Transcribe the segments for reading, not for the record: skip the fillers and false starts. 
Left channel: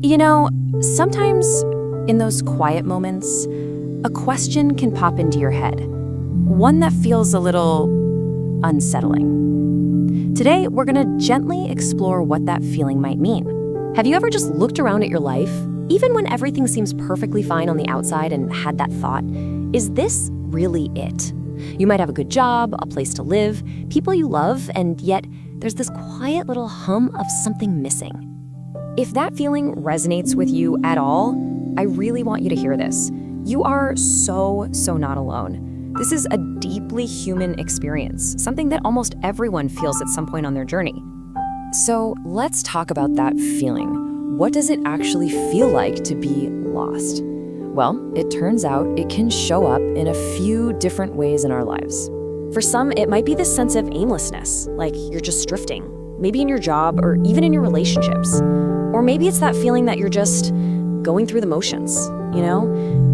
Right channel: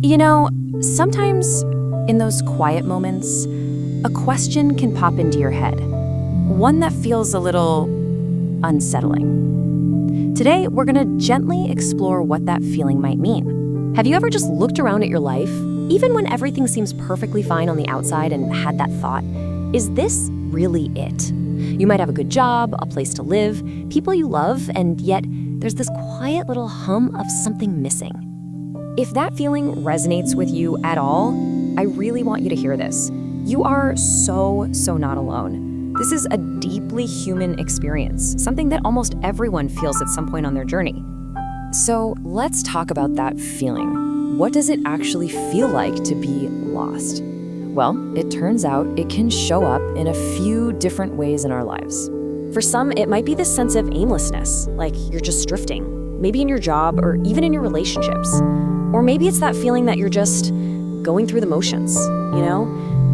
You know, sometimes in those quiet moments, a question can pop into your head, one that feels a little unsettling. Today, we're going to gently explore what that feeling might mean. Have you ever just looked around at your life, even when everything seems perfectly fine on the outside, and had that thought, is this really it? You might have a good job, a place to live, people you love, and yet there's this quiet little hum of something missing. If that feeling resonates with you at all, I really want you to hear this. You are so not alone. This is a deeply human experience, something that almost everyone feels at some point on their journey. So let's talk about that feeling. What does it actually feel like to be lost? Well, it turns out it can show up in a few different ways in our lives. For some, it might be this sense of aimlessness, like you're just drifting, maybe in your job or even in your relationships. Or maybe it's that feeling that you're just going through the motions,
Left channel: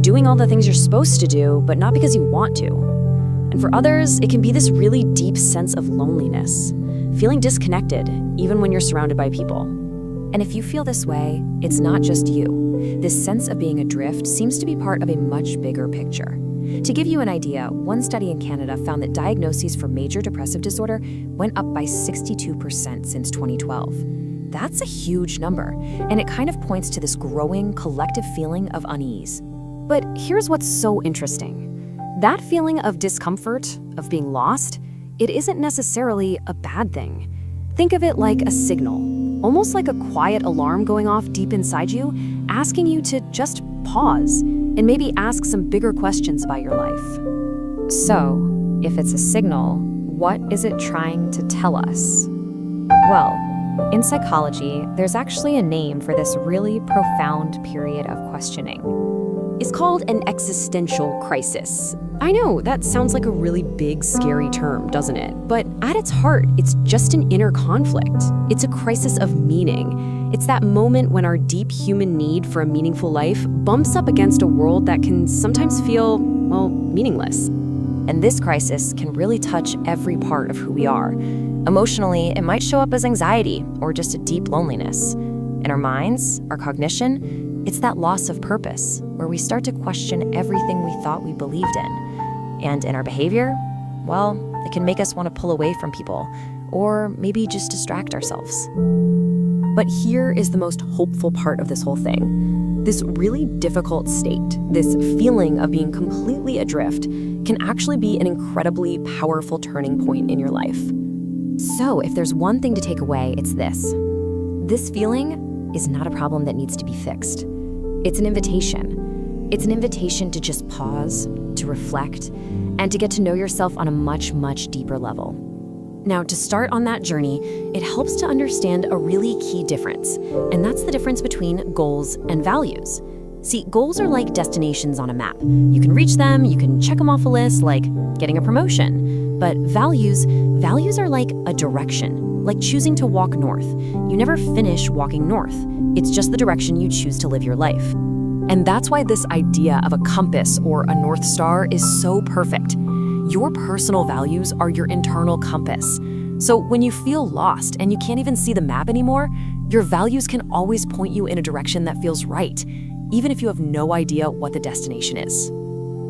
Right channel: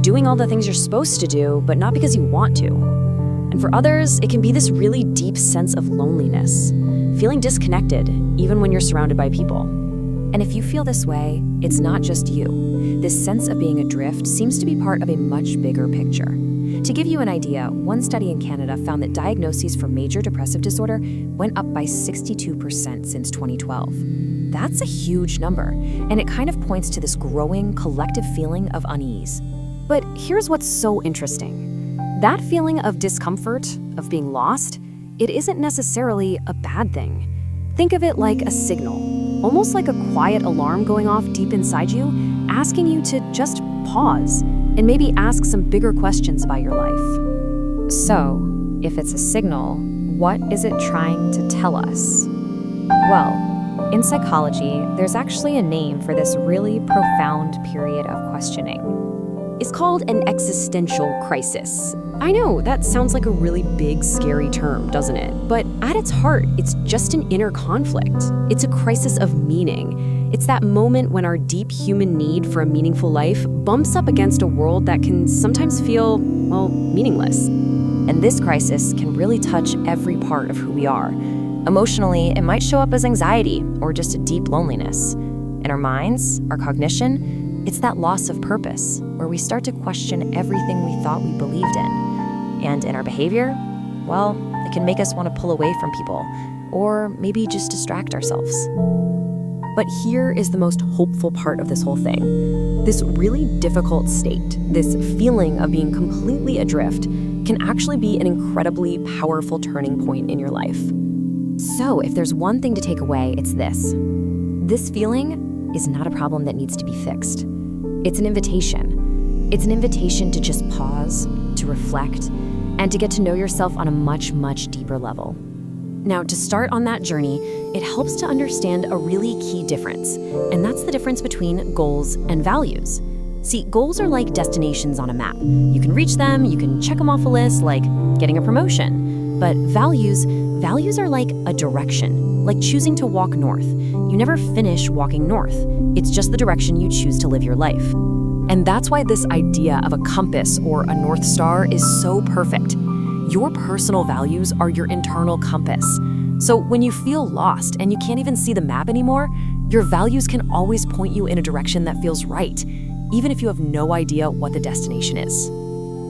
doing all the things you're supposed to do, but not because you want to. And for others, it can be this really deep sense of loneliness, feeling disconnected even when you're surrounded by people. And if you feel this way, it's not just you. This sense of being adrift seems to be part of a much bigger picture. To give you an idea, one study in Canada found that diagnoses for major depressive disorder went up by 62% since 2012. That's a huge number, and it kind of points to this growing collective feeling of unease. But here's what's so interesting. That feeling of discomfort, of being lost, it isn't necessarily a bad thing. Think of it like a signal, almost like a quiet alarm going off deep inside you, asking you to just pause and maybe ask some bigger questions about your life. So, if it's a signal, what is it trying to tell us? Well, in psychology, there's actually a name for this really profound period of questioning. It's called an existential crisis. I know, that sounds like a really big, scary term, doesn't it? But at its heart, it's just an inner conflict. It's a crisis of meaning. It's that moment when our deep human need for a meaningful life bumps up against a world that can sometimes feel, meaningless. And this crisis can really touch every part of who we are. Emotionally, it might show up as anxiety or just a deep loneliness. In our minds, our cognition, it's that loss of purpose, where we start to question everything we thought we believed in. And in our behavior, well, it can make us want to pull away from people, or maybe just distract ourselves. But here is the most hopeful part of this whole thing. This really difficult state, this feeling of being completely adrift, can actually be an incredibly powerful turning point in your life. So if there's one thing to take away, it's this. This feeling is not a problem that needs to be fixed. It's an invitation. It's an invitation to just pause, to reflect, and to get to know yourself on a much, much deeper level. Now, to start on that journey, it helps to understand a really key difference, and that's the difference between goals and values. See, goals are like destinations on a map. You can reach them, you can check them off a list, like getting a promotion. But values are like a direction, like choosing to walk north. You never finish walking north. It's just the direction you choose to live your life. And that's why this idea of a compass or a North Star is so perfect. Your personal values are your internal compass. So when you feel lost and you can't even see the map anymore, your values can always point you in a direction that feels right, even if you have no idea what the destination is.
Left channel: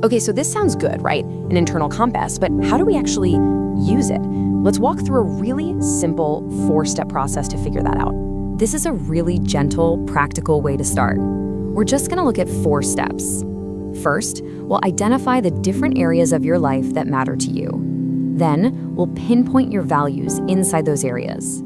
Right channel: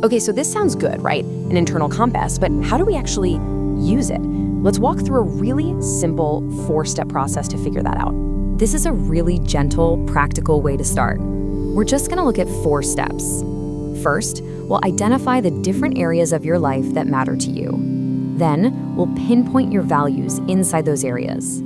Okay, so this sounds good, right? An internal compass, but how do we actually use it? Let's walk through a really simple 4-step process to figure that out. This is a really gentle, practical way to start. We're just gonna look at 4 steps. First, we'll identify the different areas of your life that matter to you. Then, we'll pinpoint your values inside those areas.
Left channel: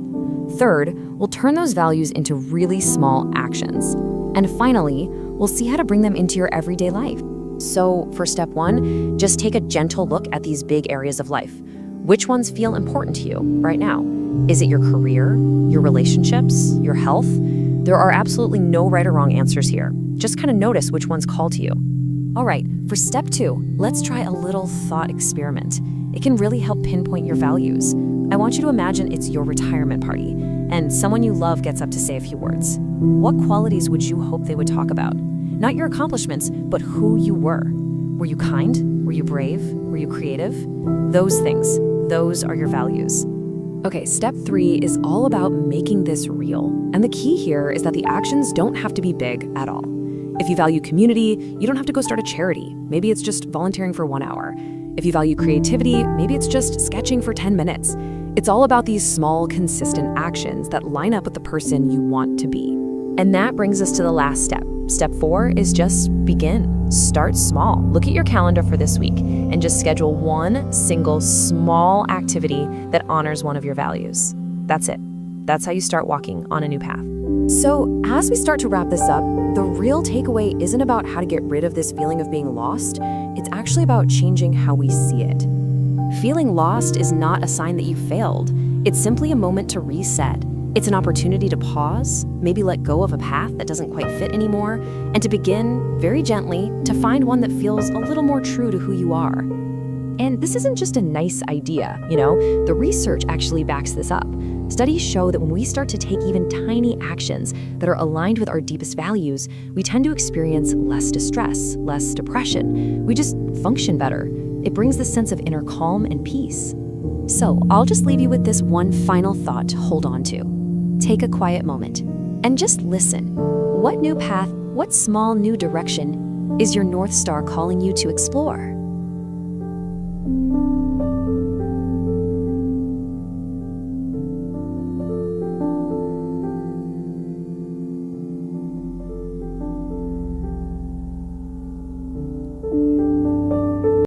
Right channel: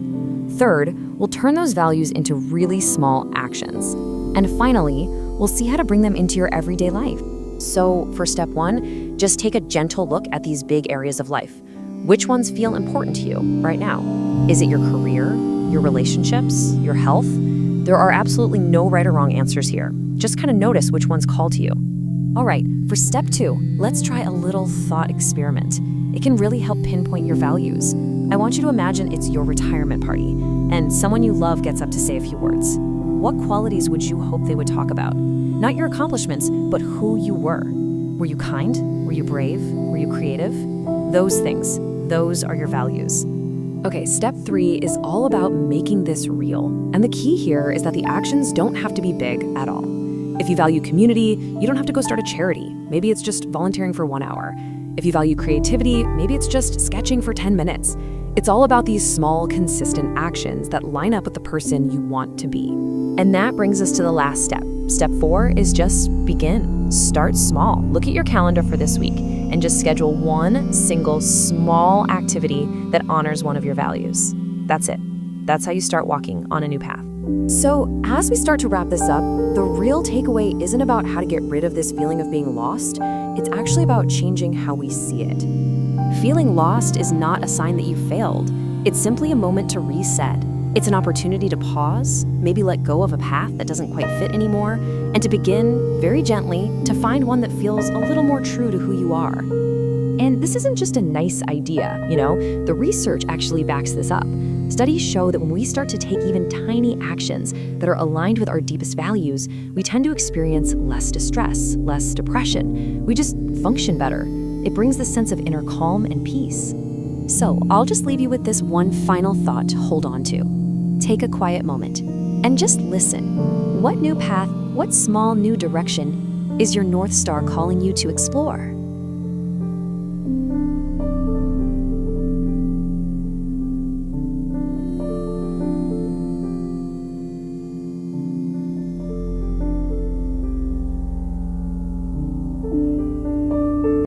Third, we'll turn those values into really small actions. And finally, we'll see how to bring them into your everyday life. So for step 1, just take a gentle look at these big areas of life. Which ones feel important to you right now? Is it your career, your relationships, your health? There are absolutely no right or wrong answers here. Just kind of notice which ones call to you. All right, for step 2, let's try a little thought experiment. It can really help pinpoint your values. I want you to imagine it's your retirement party, and someone you love gets up to say a few words. What qualities would you hope they would talk about? Not your accomplishments, but who you were. Were you kind? Were you brave? Were you creative? Those things, those are your values. Okay, step 3 is all about making this real. And the key here is that the actions don't have to be big at all. If you value community, you don't have to go start a charity. Maybe it's just volunteering for 1 hour. If you value creativity, maybe it's just sketching for 10 minutes. It's all about these small, consistent actions that line up with the person you want to be. And that brings us to the last step. Step 4 is just begin. Start small. Look at your calendar for this week and just schedule one single small activity that honors one of your values. That's it. That's how you start walking on a new path. So, as we start to wrap this up, the real takeaway isn't about how to get rid of this feeling of being lost. It's actually about changing how we see it. Feeling lost is not a sign that you failed. It's simply a moment to reset. It's an opportunity to pause, maybe let go of a path that doesn't quite fit anymore, and to begin, very gently, to find one that feels a little more true to who you are. And this isn't just a nice idea, the research actually backs this up. Studies show that when we start to take even tiny actions that are aligned with our deepest values, we tend to experience less distress, less depression. We just function better. It brings this sense of inner calm and peace. So I'll just leave you with this one final thought to hold on to. Take a quiet moment and just listen. What new path, what small new direction is your North Star calling you to explore?